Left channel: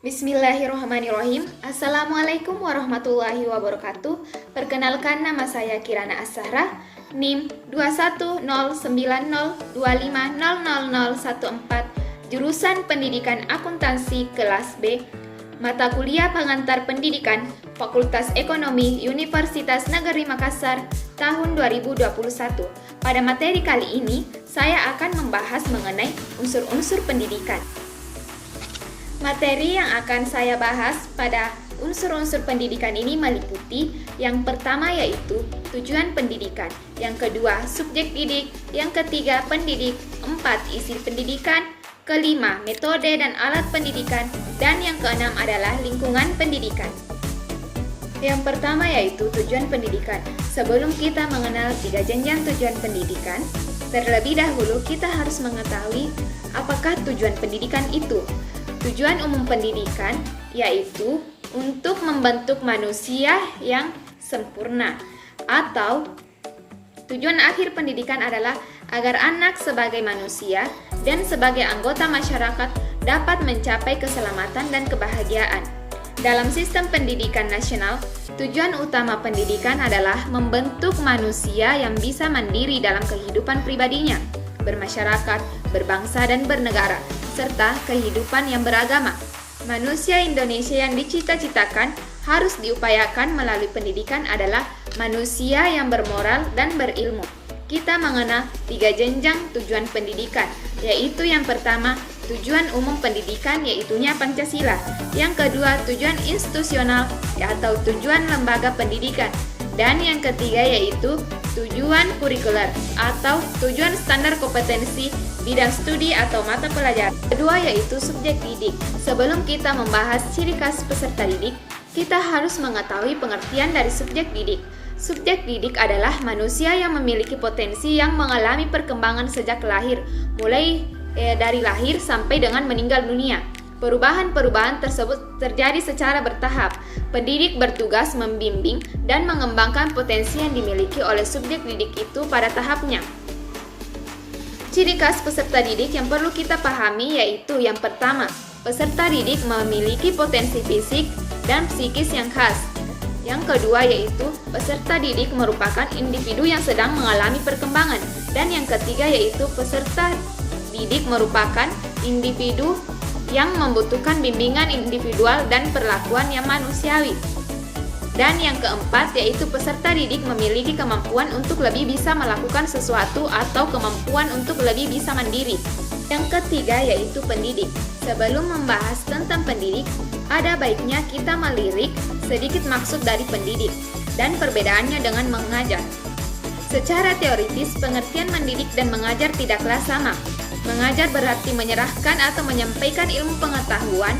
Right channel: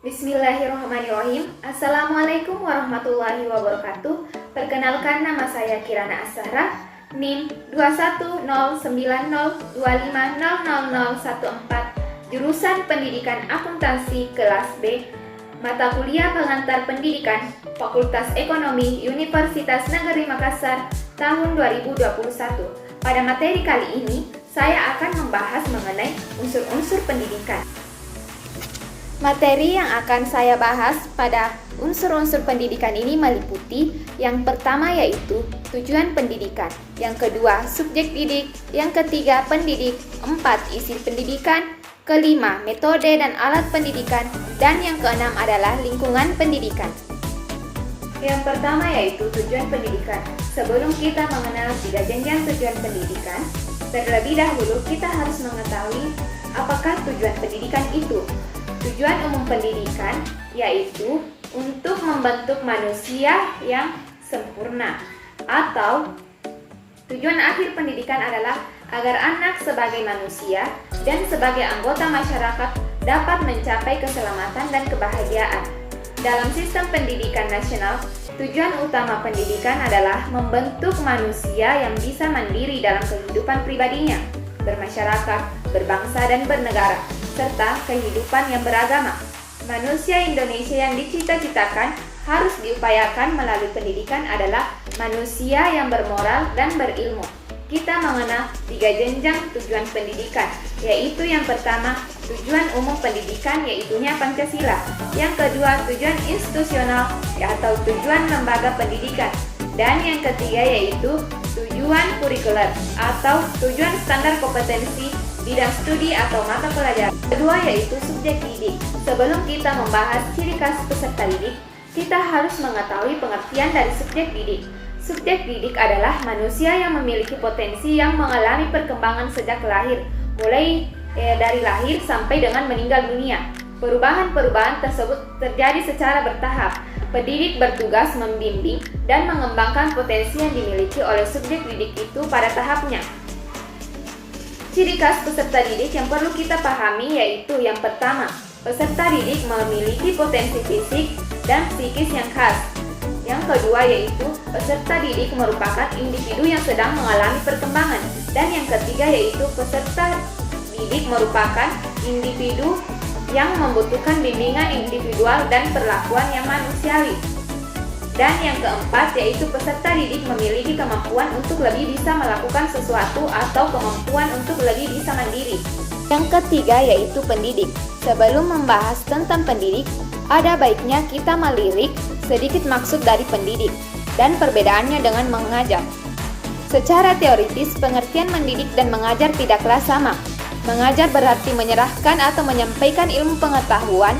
Bismillahirrahmanirrahim. Assalamualaikum warahmatullahi wabarakatuh. Perkenalkan, nama saya Kirana Ashara, NIM 21090250014, jurusan Pendidikan Akuntansi kelas B, mata kuliah pengantar pendidikan, Fakultas Ekonomi Universitas Negeri Makassar, tahun 2021. Pada materi kali ini, saya akan membahas mengenai unsur-unsur pendidikan. Materi yang akan saya bahas pada unsur-unsur pendidikan ini meliputi yang pertama yaitu tujuan pendidikan, yang kedua subjek didik, yang ketiga pendidik, empat isi pendidikan, kelima metode dan alat pendidikan, dan yang keenam adalah lingkungan pendidikan. Yang pertama yaitu tujuan pendidikan. Sebelum kita mengenal 3 jenjang tujuan pendidikan, terlebih dahulu kita harus mengetahui apakah tujuan pendidikan itu. Tujuan umum pendidikan yaitu untuk membentuk manusia yang sempurna, atau tujuan akhir pendidikan adalah agar anak sebagai manusia dan sebagai anggota masyarakat dapat mencapai keselamatan dan kebahagiaan. Dalam sistem pendidikan nasional, tujuan utama pendidikan adalah membentuk manusia yang bisa mandiri dalam kehidupan pribadinya, bermasyarakat, berbangsa dan bernegara, serta kehidupan yang beragama. Manusia Indonesia yang dicita-citakan harus diupayakan melalui pendidikan adalah manusia yang bermoral dan berilmu. Kita mengenal 3 jenjang tujuan pendidikan, yaitu yang pertama, tujuan umum pendidikan yaitunya Pancasila. Yang kedua, tujuan institusional atau tujuan lembaga pendidikan. Dan yang ketiga yaitu tujuan kurikuler atau tujuan standar kompetensi bidang studi atau mata pelajaran. Kedua yaitu subjek didik. Sebelum kita membahas ciri khas peserta didik, kita harus mengetahui pengertian dari subjek didik. Subjek didik adalah manusia yang memiliki potensi yang mengalami perkembangan sejak lahir, mulai dari lahir sampai dengan meninggal dunia. Perubahan-perubahan tersebut terjadi secara bertahap. Pendidik bertugas membimbing dan mengembangkan potensi yang dimiliki oleh subjek didik itu pada tahapnya. Ciri khas peserta didik yang perlu kita pahami yaitu yang pertama, peserta didik memiliki potensi fisik dan psikis yang khas. Yang kedua yaitu peserta didik merupakan individu yang sedang mengalami perkembangan. Dan yang ketiga yaitu peserta didik merupakan individu yang membutuhkan bimbingan individual dan perlakuan yang manusiawi. Dan yang keempat yaitu peserta didik memiliki kemampuan untuk lebih bisa melakukan sesuatu atau kemampuan untuk lebih bisa mandiri. Yang ketiga yaitu pendidik. Sebelum membahas tentang pendidik, ada baiknya kita melirik sedikit maksud dari pendidik dan perbedaannya dengan mengajar. Secara teoritis, pengertian mendidik dan mengajar tidaklah sama. Mengajar berarti menyerahkan atau menyampaikan ilmu pengetahuan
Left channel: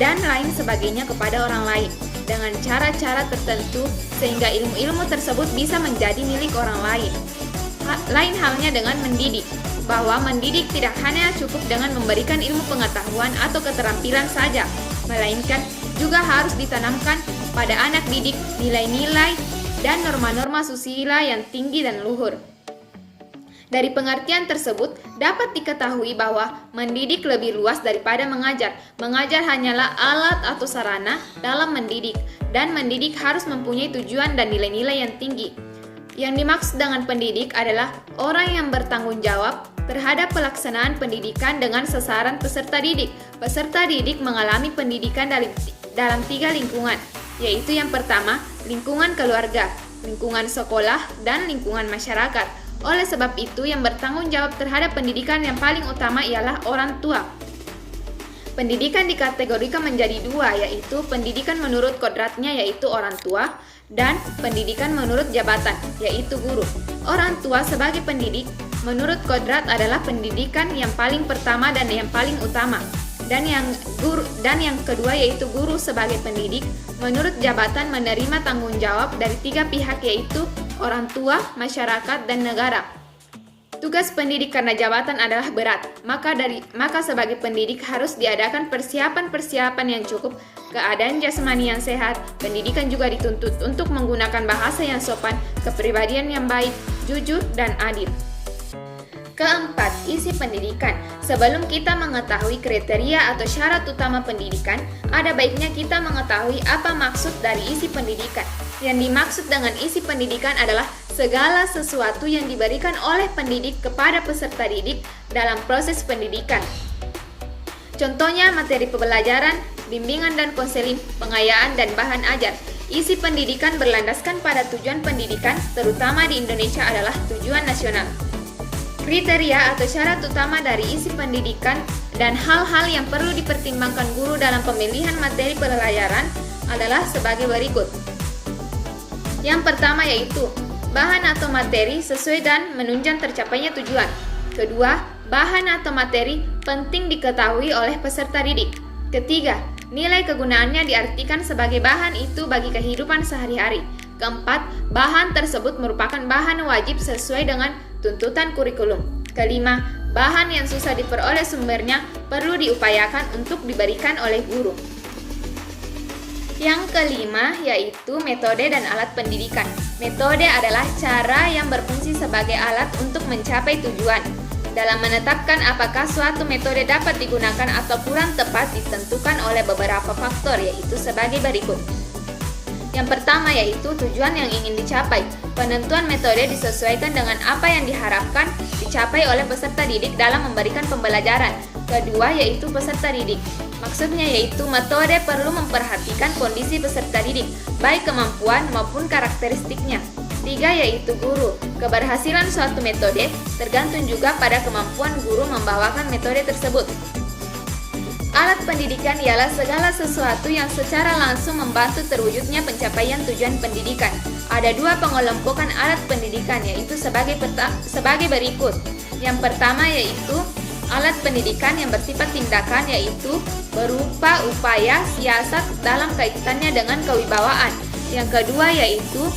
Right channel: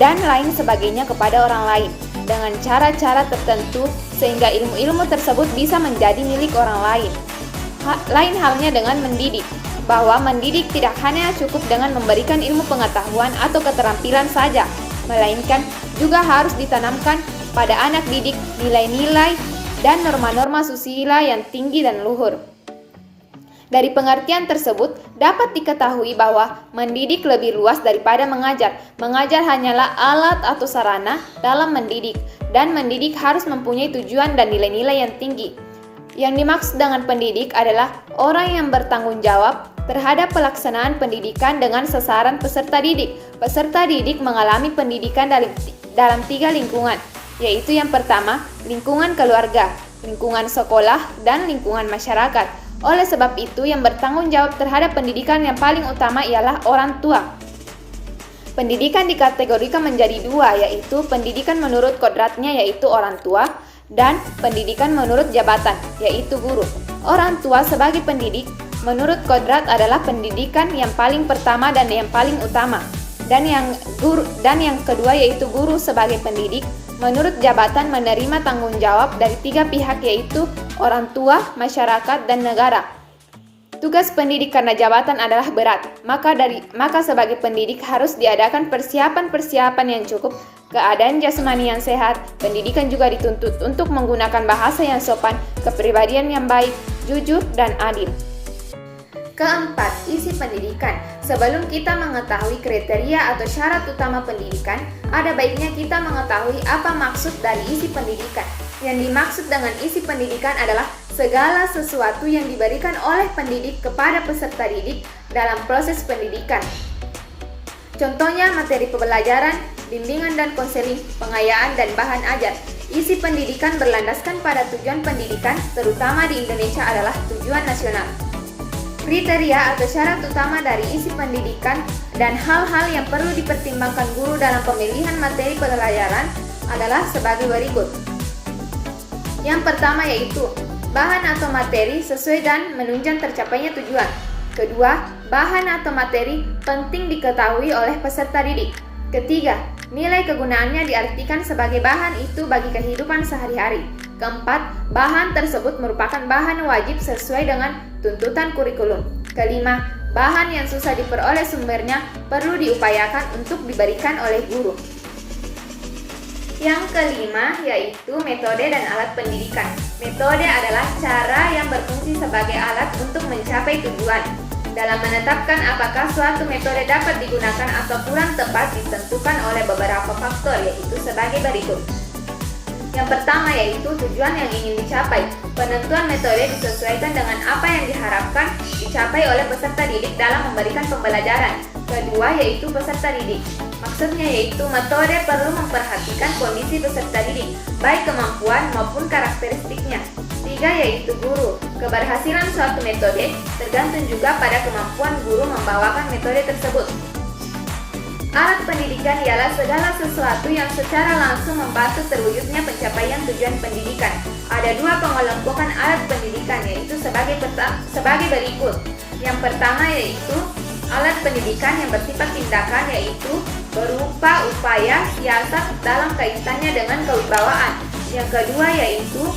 dan lain sebagainya kepada orang lain dengan cara-cara tertentu sehingga ilmu-ilmu tersebut bisa menjadi milik orang lain. Lain halnya dengan mendidik, bahwa mendidik tidak hanya cukup dengan memberikan ilmu pengetahuan atau keterampilan saja, melainkan juga harus ditanamkan pada anak didik nilai-nilai dan norma-norma susila yang tinggi dan luhur. Dari pengertian tersebut, dapat diketahui bahwa mendidik lebih luas daripada mengajar. Mengajar hanyalah alat atau sarana dalam mendidik, dan mendidik harus mempunyai tujuan dan nilai-nilai yang tinggi. Yang dimaksud dengan pendidik adalah orang yang bertanggung jawab terhadap pelaksanaan pendidikan dengan sasaran peserta didik. Peserta didik mengalami pendidikan dalam 3 lingkungan, yaitu yang pertama, lingkungan keluarga, lingkungan sekolah, dan lingkungan masyarakat. Oleh sebab itu, yang bertanggung jawab terhadap pendidikan yang paling utama ialah orang tua. Pendidikan dikategorikan menjadi 2, yaitu pendidikan menurut kodratnya yaitu orang tua, dan pendidikan menurut jabatan yaitu guru. Orang tua sebagai pendidik menurut kodrat adalah pendidikan yang paling pertama dan yang paling utama. Dan yang kedua yaitu guru sebagai pendidik menurut jabatan menerima tanggung jawab dari 3 pihak yaitu orang tua, masyarakat, dan negara. Tugas pendidik karena jabatan adalah berat, maka sebagai pendidik harus diadakan persiapan-persiapan yang cukup, keadaan jasmani yang sehat. Pendidikan juga dituntut untuk menggunakan bahasa yang sopan, kepribadian yang baik, jujur, dan adil. Keempat, isi pendidikan. Sebelum kita mengetahui kriteria atau syarat utama pendidikan, ada baiknya kita mengetahui apa maksud dari isi pendidikan. Yang dimaksud dengan isi pendidikan adalah segala sesuatu yang diberikan oleh pendidik kepada peserta didik dalam proses pendidikan. Contohnya materi pembelajaran, bimbingan dan konseling, pengayaan dan bahan ajar. Isi pendidikan berlandaskan pada tujuan pendidikan, terutama di Indonesia adalah tujuan nasional. Kriteria atau syarat utama dari isi pendidikan dan hal-hal yang perlu dipertimbangkan guru dalam pemilihan materi pelajaran adalah sebagai berikut. Yang pertama yaitu bahan atau materi sesuai dan menunjang tercapainya tujuan. Kedua, bahan atau materi penting diketahui oleh peserta didik. Ketiga, nilai kegunaannya diartikan sebagai bahan itu bagi kehidupan sehari-hari. Keempat, bahan tersebut merupakan bahan wajib sesuai dengan tuntutan kurikulum. Kelima, bahan yang susah diperoleh sumbernya perlu diupayakan untuk diberikan oleh guru. Yang kelima yaitu metode dan alat pendidikan. Metode adalah cara yang berfungsi sebagai alat untuk mencapai tujuan. Dalam menetapkan apakah suatu metode dapat digunakan atau kurang tepat ditentukan oleh beberapa faktor, yaitu sebagai berikut. Yang pertama yaitu tujuan yang ingin dicapai. Penentuan metode disesuaikan dengan apa yang diharapkan dicapai oleh peserta didik dalam memberikan pembelajaran. Kedua yaitu peserta didik. Maksudnya yaitu metode perlu memperhatikan kondisi peserta didik, baik kemampuan maupun karakteristiknya. Tiga yaitu guru. Keberhasilan suatu metode tergantung juga pada kemampuan guru membawakan metode tersebut. Alat pendidikan ialah segala sesuatu yang secara langsung membantu terwujudnya pencapaian tujuan pendidikan. Ada dua pengelompokan alat pendidikan yaitu sebagai berikut. Yang pertama yaitu alat pendidikan yang bersifat tindakan yaitu berupa upaya siasat dalam kaitannya dengan kewibawaan. Yang kedua yaitu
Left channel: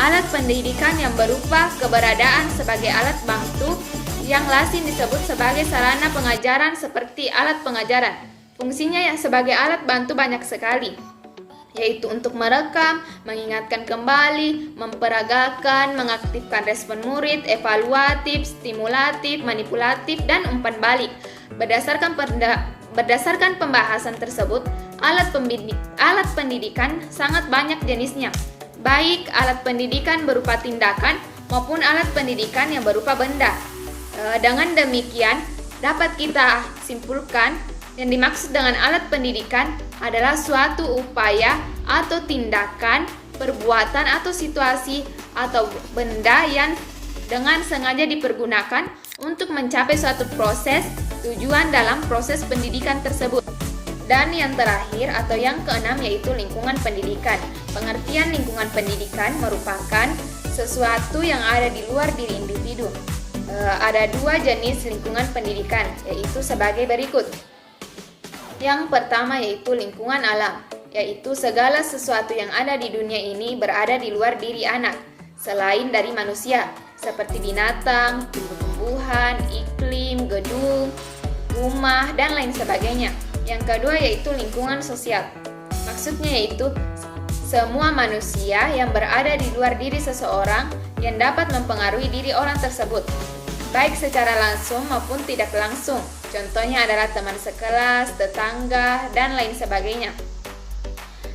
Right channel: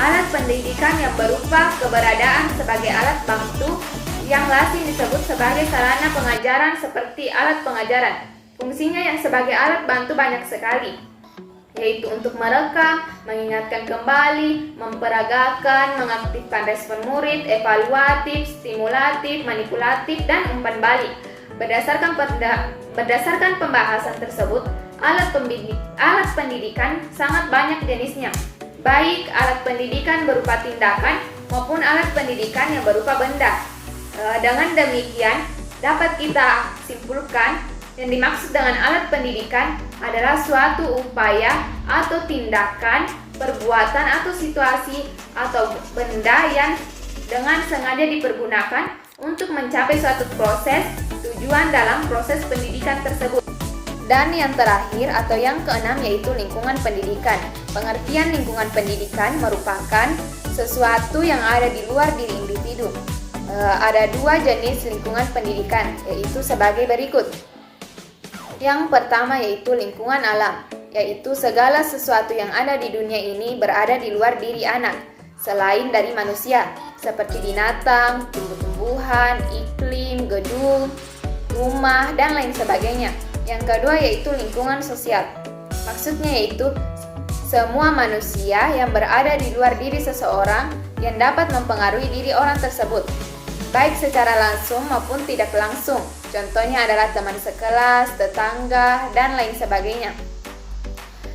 alat pendidikan yang berupa keberadaan sebagai alat bantu yang lazim disebut sebagai sarana pengajaran seperti alat pengajaran. Fungsinya yang sebagai alat bantu banyak sekali, yaitu untuk merekam, mengingatkan kembali, memperagakan, mengaktifkan respon murid, evaluatif, stimulatif, manipulatif, dan umpan balik. Berdasarkan pembahasan tersebut, alat pendidikan sangat banyak jenisnya, baik alat pendidikan berupa tindakan maupun alat pendidikan yang berupa benda. Dengan demikian, dapat kita simpulkan yang dimaksud dengan alat pendidikan adalah suatu upaya atau tindakan, perbuatan atau situasi atau benda yang dengan sengaja dipergunakan untuk mencapai suatu proses tujuan dalam proses pendidikan tersebut. Dan yang terakhir atau yang keenam yaitu lingkungan pendidikan. Pengertian lingkungan pendidikan merupakan sesuatu yang ada di luar diri individu. Ada dua jenis lingkungan pendidikan, yaitu sebagai berikut. Yang pertama yaitu lingkungan alam, yaitu segala sesuatu yang ada di dunia ini berada di luar diri anak, selain dari manusia, seperti binatang, tumbuh-tumbuhan, iklim, gedung, rumah, dan lain sebagainya. Yang kedua yaitu lingkungan sosial. Maksudnya yaitu semua manusia yang berada di luar diri seseorang yang dapat mempengaruhi diri orang tersebut, baik secara langsung maupun tidak langsung. Contohnya adalah teman sekelas, tetangga, dan lain sebagainya.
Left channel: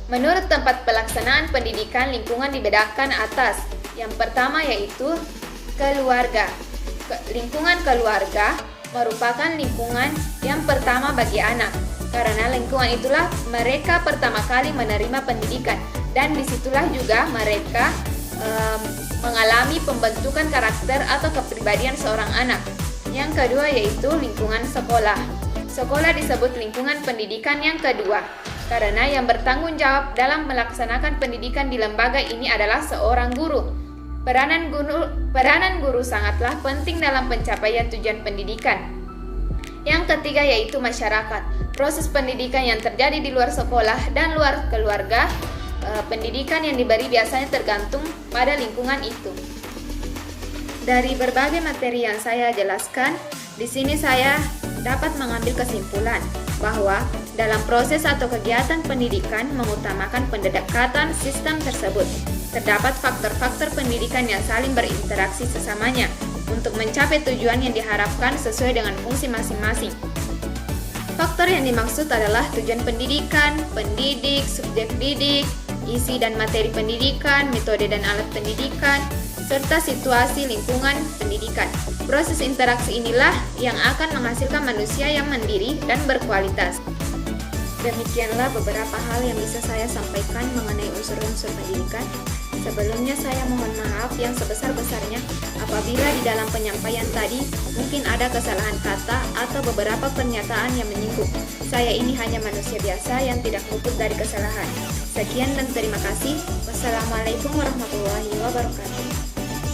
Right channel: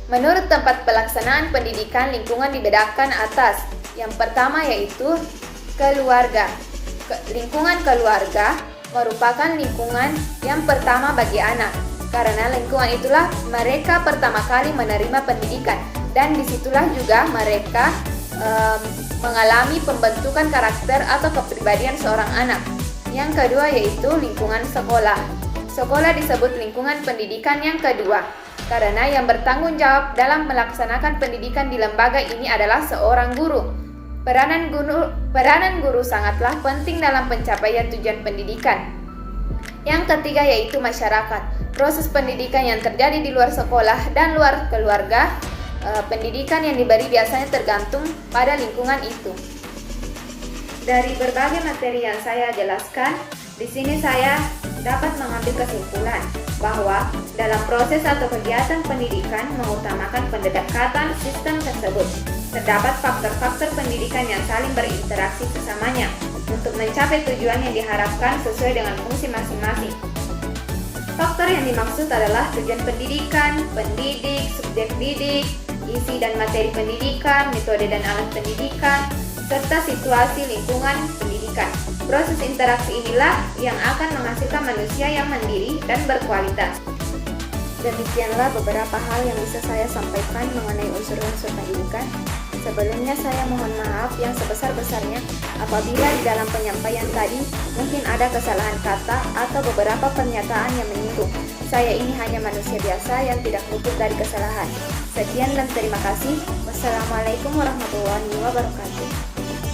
Menurut tempat pelaksanaan pendidikan, lingkungan dibedakan atas. Yang pertama yaitu keluarga. Lingkungan keluarga merupakan lingkungan yang pertama bagi anak. Karena lingkungan itulah mereka pertama kali menerima pendidikan, dan disitulah juga mereka mengalami pembentukan karakter atau kepribadian seorang anak. Yang kedua yaitu lingkungan sekolah. Sekolah disebut lingkungan pendidikan yang kedua, karena yang bertanggung jawab dalam melaksanakan pendidikan di lembaga ini adalah seorang guru. Peranan guru sangatlah penting dalam pencapaian tujuan pendidikan. Yang ketiga yaitu masyarakat. Proses pendidikan yang terjadi di luar sekolah dan luar keluarga, pendidikan yang diberi biasanya tergantung pada lingkungan itu. Dari berbagai materi yang saya jelaskan, di sini saya dapat mengambil kesimpulan bahwa dalam proses atau kegiatan pendidikan mengutamakan pendekatan sistem tersebut. Terdapat faktor-faktor pendidikan yang saling berinteraksi sesamanya. untuk mencapai tujuan yang diharapkan sesuai dengan fungsi masing-masing. Faktor yang dimaksud adalah tujuan pendidikan, pendidik, subjek didik, isi dan materi pendidikan, metode dan alat pendidikan, serta situasi lingkungan pendidikan. Proses interaksi inilah yang akan menghasilkan manusia yang mandiri dan berkualitas. Demikianlah beberapa hal yang bisa saya sampaikan mengenai unsur-unsur pendidikan. Sebelumnya saya mohon maaf yang sebesar-besarnya apabila di dalam penyampaian tadi mungkin ada kesalahan kata atau beberapa pernyataan yang menyinggung. Saya ini hanya manusia biasa yang tidak luput dari kesalahan. Sekian dan terima kasih. Wassalamualaikum warahmatullahi wabarakatuh.